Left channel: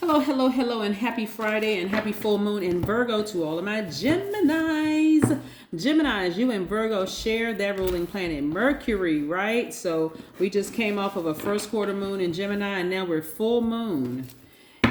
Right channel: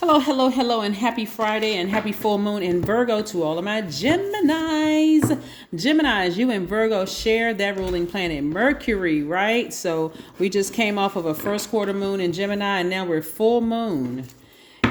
Hello, hello, hello, and happy Friday and happy full moon in Virgo to all of my Geminis. Geminis, you and Virgo share that ruling planet Mercury, right? So we just came off of a first quarter moon in Gemini, and now we're full moon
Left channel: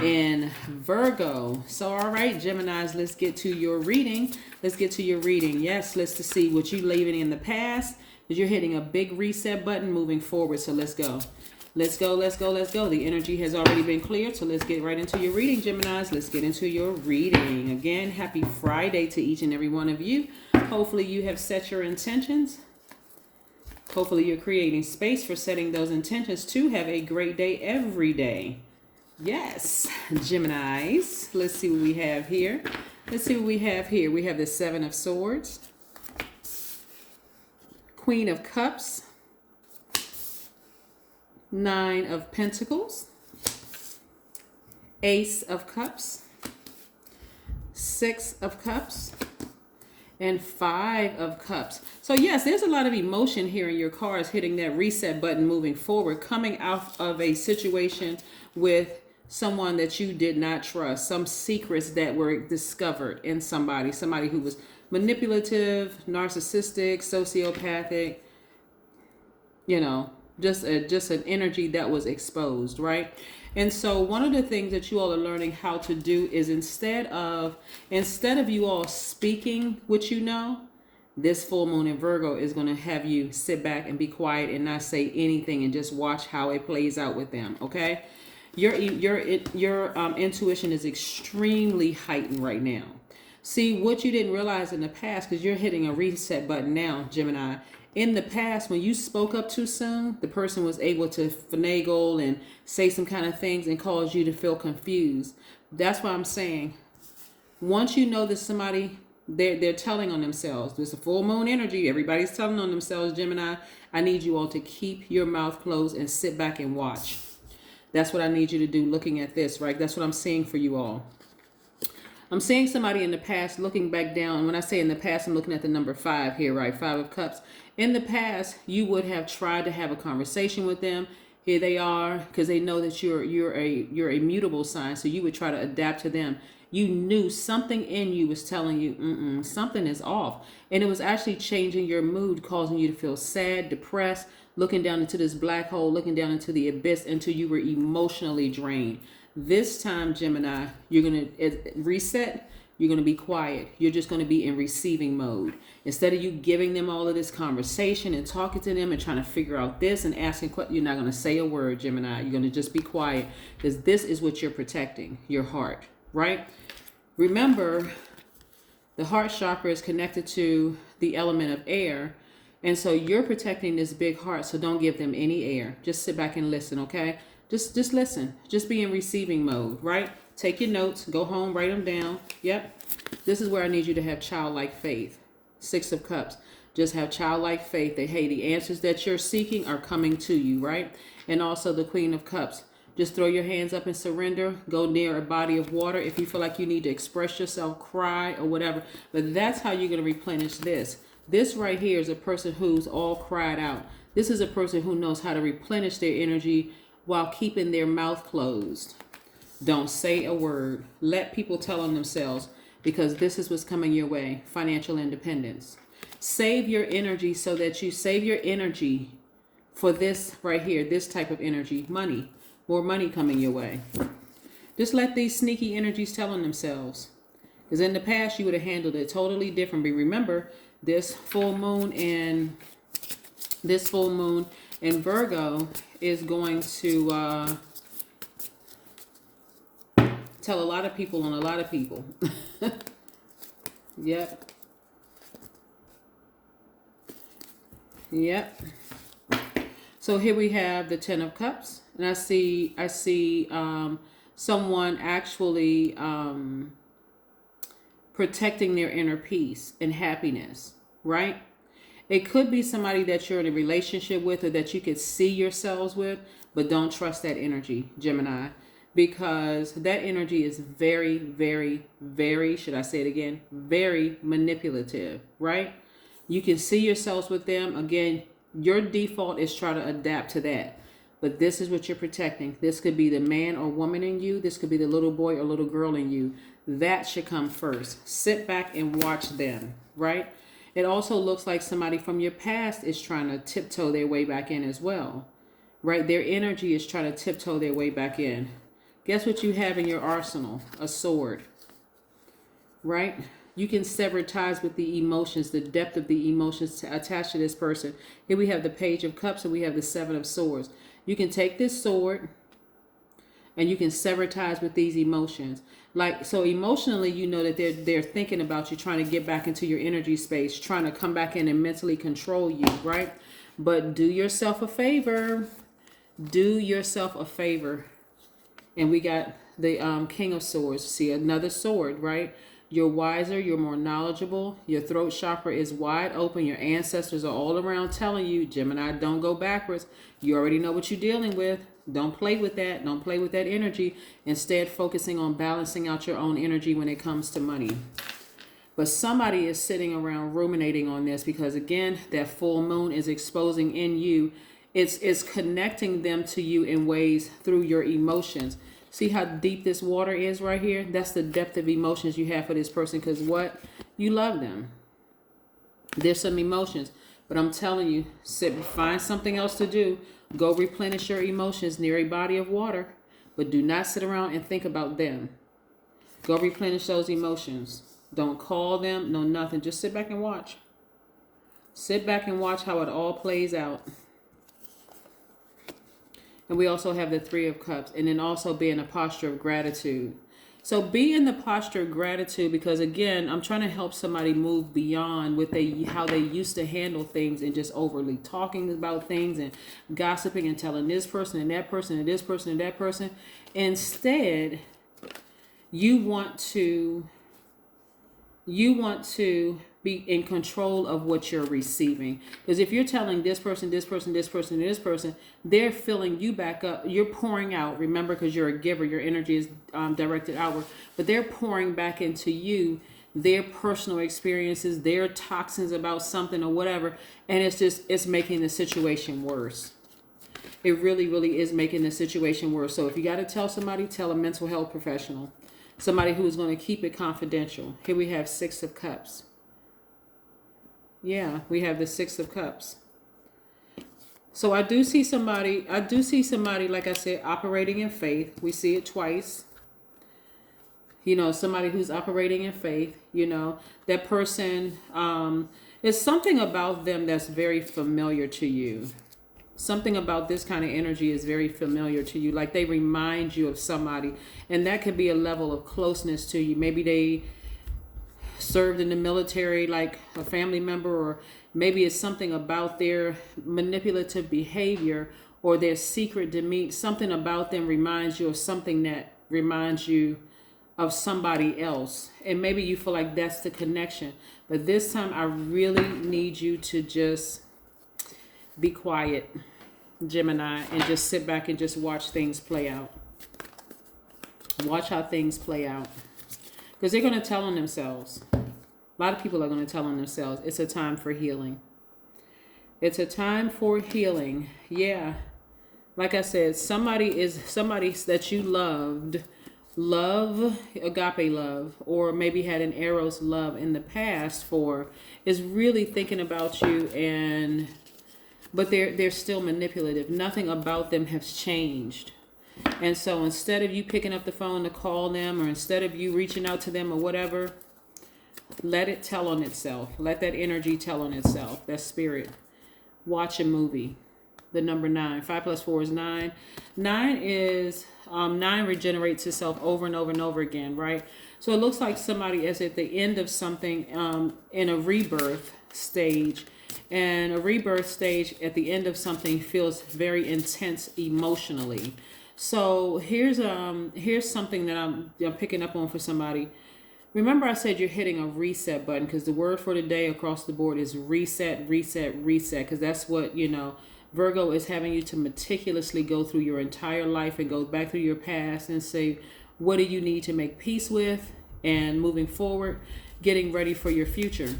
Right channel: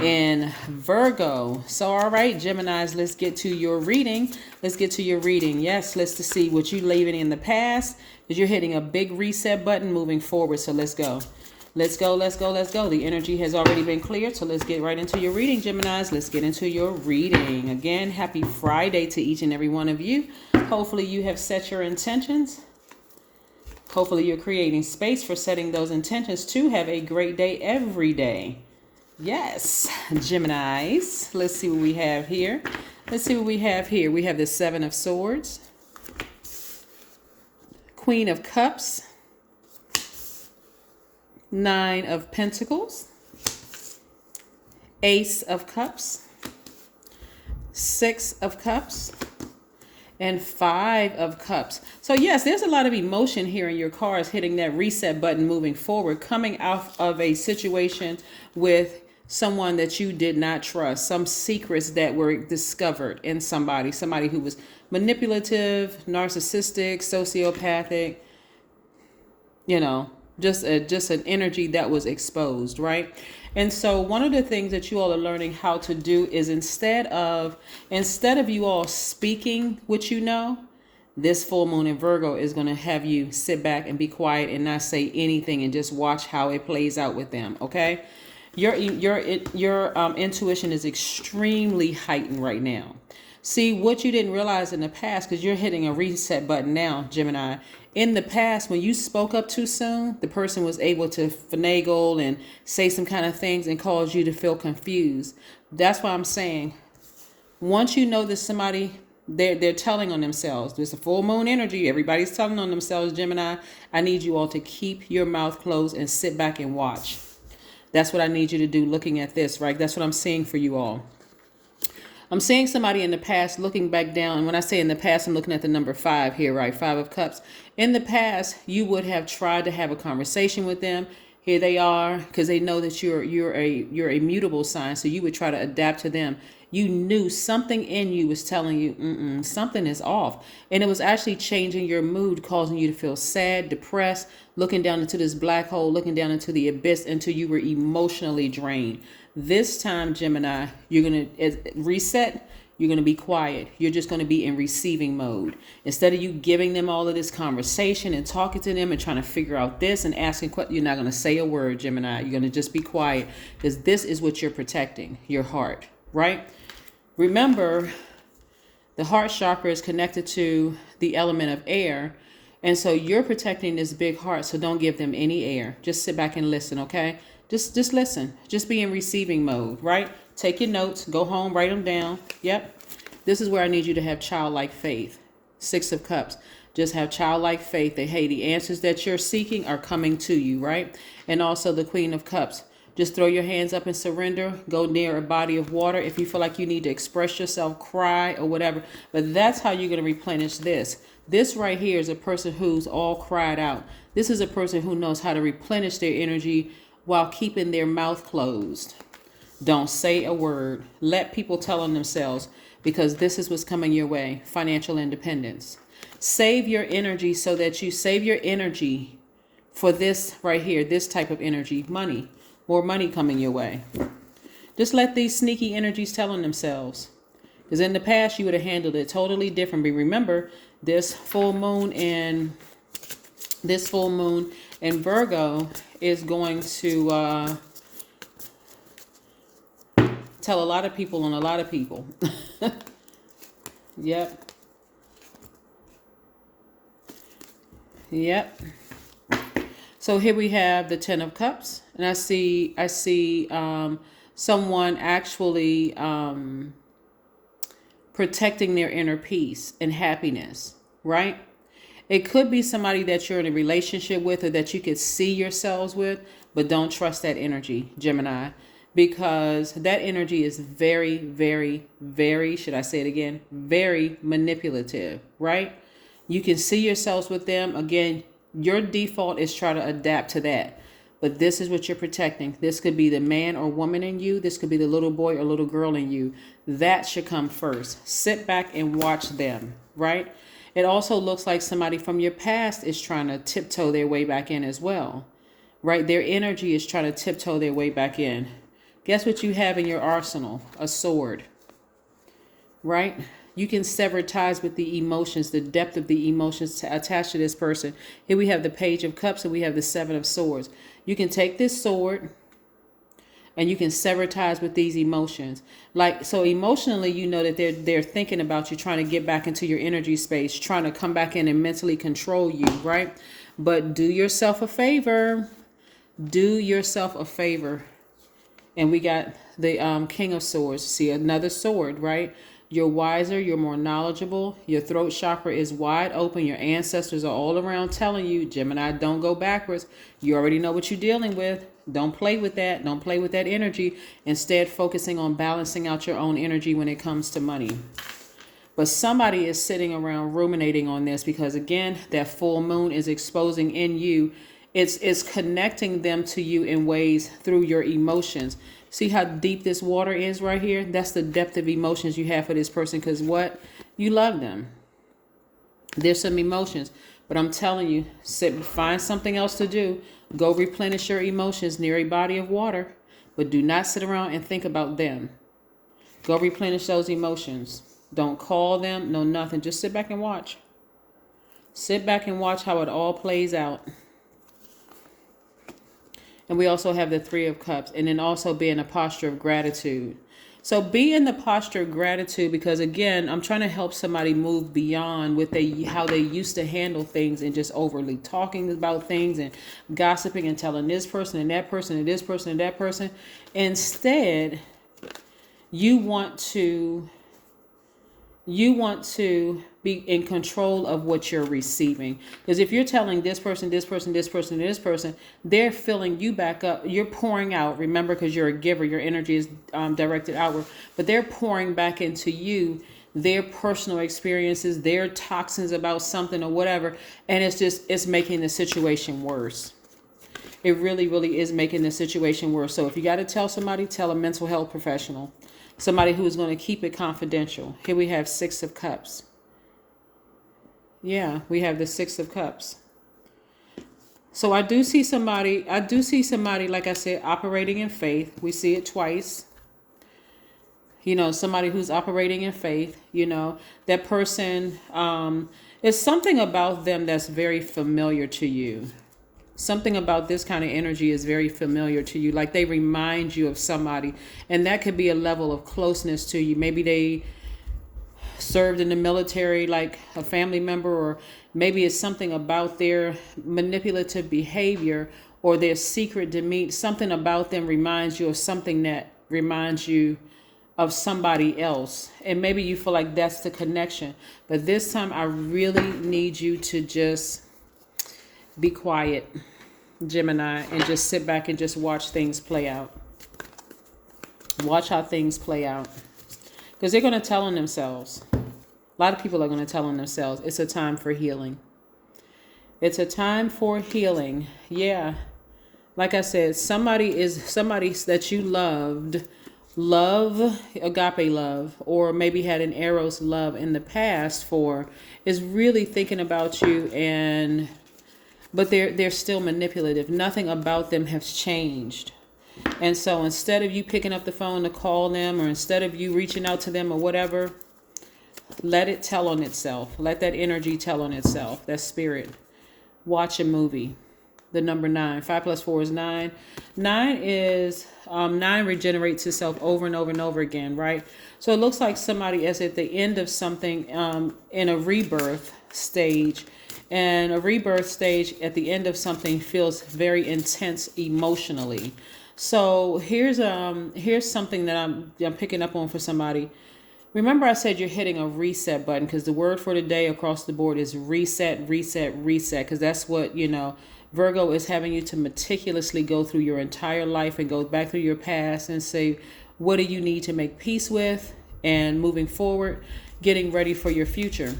in Virgo. So, all right, Geminis, let's get to your reading. Let's get to your reading. Yes, let's to see what you leaving in the past, because you're hitting a big reset button moving forward. So let's go. Let's go, let's go, let's go. The energy has already been cleared, so let's get right into your reading, Geminis. Let's get into your reading. Again, happy Friday to each and every one of you. Hopefully you have set your intentions. Hopefully you're creating space for setting those intentions to have a great day every day. Yes, Geminis. Let's see what we have here. Let's see what we have here. We have the Seven of Swords, Queen of Cups, Nine of Pentacles, Ace of Cups, Six of Cups, and Five of Cups. So yes, there's a lot of emotion here in your cards hitting that reset button moving forward, coming out of a situation with someone that you did not trust, some secrets that were discovered in somebody who was manipulative, narcissistic, sociopathic, just an energy that was exposed, right? And so one of the things that you all are learning how to do is instead of you all speaking what you know, this full moon in Virgo is going to have you sit back and be quiet and not say anything and just watch how it plays out with them, okay? Your intuition is extremely heightened right now. See, what you didn't realize in the past, because you're hitting a reset button now, Gemini. In the past, when you spoke up too soon, the person was able to finagle and say some kind of things and cause you to feel confused. That's why I'm saying, once you know that somebody, they're telling on themselves. There's a full moon energy. Everybody's telling on themselves, Gemini. I need you all to keep your mouth closed and sit back and watch. That's what I need you to do looking at this, right? That's what I'm seeing for you all. I'm seeing somebody in the past looking back down. And when I say in the past, I'm looking at the number 5 here, right? 5 of Cups. In the past, you would have tried to have a conversation with them. Here they are, because they know that you're a mutable sign. So you would try to adapt to them. You knew something in you was telling you, something is off. And it was actually changing your mood, causing you to feel sad, depressed, looking down into this black hole, looking down into the abyss until you were emotionally drained. This time, Gemini, you're going to reset. You're going to be quiet. You're just going to be in receiving mode. Instead of you giving them all of this conversation and talking to them and trying to figure out this and asking questions, you're not going to say a word, Gemini. You're going to just be quiet, because this is what you're protecting, your heart, right? Remember, the heart chakra is connected to the element of air. And so you're protecting this big heart. So don't give them any air. Just sit back and listen, okay? Just listen. Just be in receiving mode, right? Take your notes. Go home. Write them down. Yep. This is where I need you to have childlike faith. 6 of Cups. Just have childlike faith that, hey, the answers that you're seeking are coming to you, right? And also the Queen of Cups. Just throw your hands up and surrender. Go near a body of water if you feel like you need to express yourself, cry or whatever. But that's how you're going to replenish this. This right here is a person who's all cried out. This is a person who knows how to replenish their energy while keeping their mouth closed. Don't say a word. Let people tell on themselves, because this is what's coming your way. Financial independence. Save your energy so that you save your energy for this right here, this type of energy. Money. More money coming your way. Just let these sneaky energies tell on themselves. Because in the past, you would have handled it totally differently. Remember, this full moon in Virgo is going to tell a lot of people on a lot of people. Yep. So here we have the 10 of Cups, and I see someone actually protecting their inner peace and happiness, right? It could be somebody that you're in a relationship with or that you could see yourselves with, but don't trust that energy, Gemini, because that energy is very, very, very, should I say it again, very manipulative, right? You can see yourselves with them. Again, your default is try to adapt to that. But this is what you're protecting. This could be the man or woman in you. This could be the little boy or little girl in you. That should come first. Sit back and watch them, right? It also looks like somebody from your past is trying to tiptoe their way back in as well, right? Their energy is trying to tiptoe their way back in. Guess what you have in your arsenal? A sword, right? You can sever ties with the emotions, the depth of the emotions attached to this person. Here we have the Page of Cups and we have the Seven of Swords. You can take this sword and you can sever ties with these emotions. Like, so emotionally, you know that they're thinking about you, trying to get back into your energy space, trying to come back in and mentally control you, right? But do yourself a favor. Do yourself a favor. And we got the King of Swords. See, another sword, right? You're wiser, you're more knowledgeable, your throat chakra is wide open, your ancestors are all around telling you, Gemini, don't go backwards. You already know what you're dealing with. Don't play with that. Don't play with that energy. Instead, focusing on balancing out your own energy when it comes to money. But somebody is sitting around ruminating on this because, again, that full moon is exposing in you. It's connecting them to you in ways through your emotions. See how deep this water is right here? That's the depth of emotions you have for this person because what? You love them. There's some emotions. But I'm telling you, find something else to do. Go replenish your emotions near a body of water. But do not sit around and think about them. Go replenish those emotions. Don't call them, no nothing. Just sit back and watch. Sit back and watch how it all plays out. And we also have the Three of Cups. And then also be in a posture of gratitude. So be in the posture of gratitude because, again, I'm trying to help somebody move beyond how they used to handle things and just overly talking about things and gossiping and telling this person and that person and this person and that person. Instead, you want to be in control of what you're receiving. Because if you're telling this person, this person, this person, this person, they're filling you back up. You're pouring out, remember, because you're a giver. Your energy is directed outward. But they're pouring back into you their personal experiences, their toxins about something or whatever. And it's making the situation worse. It really, really is making the situation worse. So if you got to tell somebody, tell a mental health professional. Somebody who is going to keep it confidential. Here we have Six of Cups. Yeah, we have the Six of Cups. So I do see somebody, like I said, operating in faith. We see it twice. You know, somebody who's operating in faith, you know, that person, it's something about them that's very familiar to you. Something about this kind of energy is very familiar to you. Like they remind you of somebody. And that could be a level of closeness to you. Maybe they served in the military like a family member, or maybe it's something about their manipulative behavior or their secret demeanor. Something about them reminds you of something that reminds you of somebody else. And maybe you feel like that's the connection. But this time I really need you to just be quiet, Gemini, and just sit back and just watch things play out. Watch how things play out. Because they're going to tell on themselves. A lot of people are going to tell on themselves. It's a time for healing. It's a time for healing. Yeah. Like I said, somebody that you love, agape love, or maybe had an eros love in the past for, is really thinking about you, but they're still manipulative. Nothing about them has changed. And so instead of you picking up the phone to call them, or instead of you reaching out to them or whatever, let it tell on itself. Let that energy tell on itself. That spirit. Watch a movie. The number 9. 5 plus 4 is 9. 9 regenerates itself over and over and over again, right? So it looks like somebody is at the end of something in a rebirth stage. And a rebirth stage at the end of something feels very intense emotionally. So here's something that I'm picking up on for somebody. Remember I said you're hitting a reset button, because the word for today across the board is reset, reset, reset, because that's what, Virgo is having you to meticulously go through your entire life and go back through your past and say, what do you need to make peace with, and moving forward, getting ready for your future.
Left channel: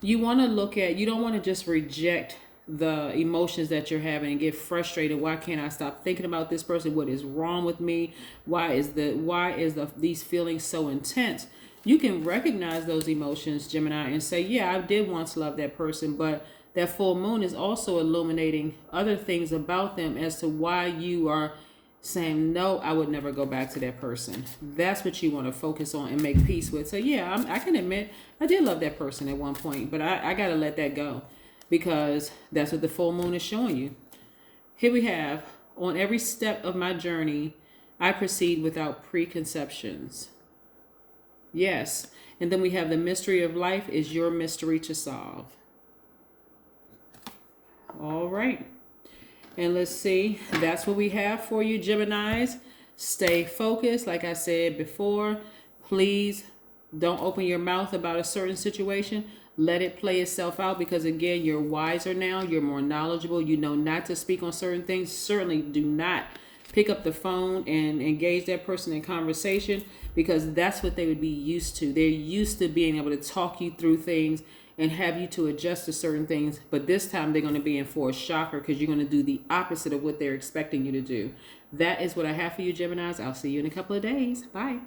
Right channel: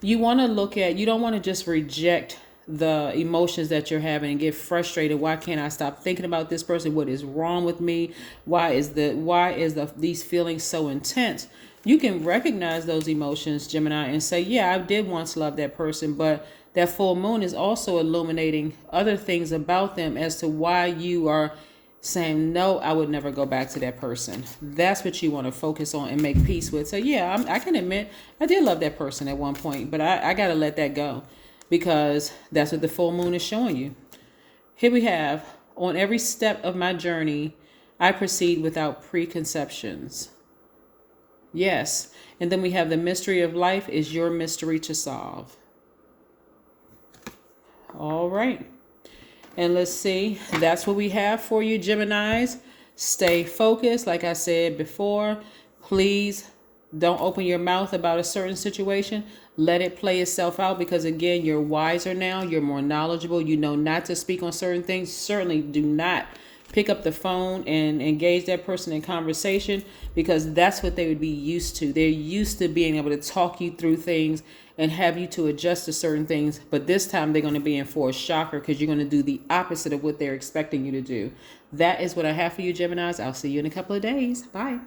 You want to you don't want to just reject the emotions that you're having and get frustrated. Why can't I stop thinking about this person? What is wrong with me? Why is these feelings so intense? You can recognize those emotions, Gemini, and say, yeah, I did once love that person, but that full moon is also illuminating other things about them as to why you are saying, no, I would never go back to that person. That's what you want to focus on and make peace with. So yeah, I can admit I did love that person at one point, but I got to let that go, because that's what the full moon is showing you. Here we have, on every step of my journey, I proceed without preconceptions. Yes. And then we have the mystery of life is your mystery to solve. All right. And let's see. That's what we have for you, Geminis. Stay focused. Like I said before, please don't open your mouth about a certain situation. Let it play itself out, because again, you're wiser now. You're more knowledgeable. You know not to speak on certain things. Certainly do not pick up the phone and engage that person in conversation, because that's what they would be used to. They're used to being able to talk you through things and have you to adjust to certain things. But this time they're going to be in for a shocker, because you're going to do the opposite of what they're expecting you to do. That is what I have for you, Geminis. I'll see you in a couple of days. Bye.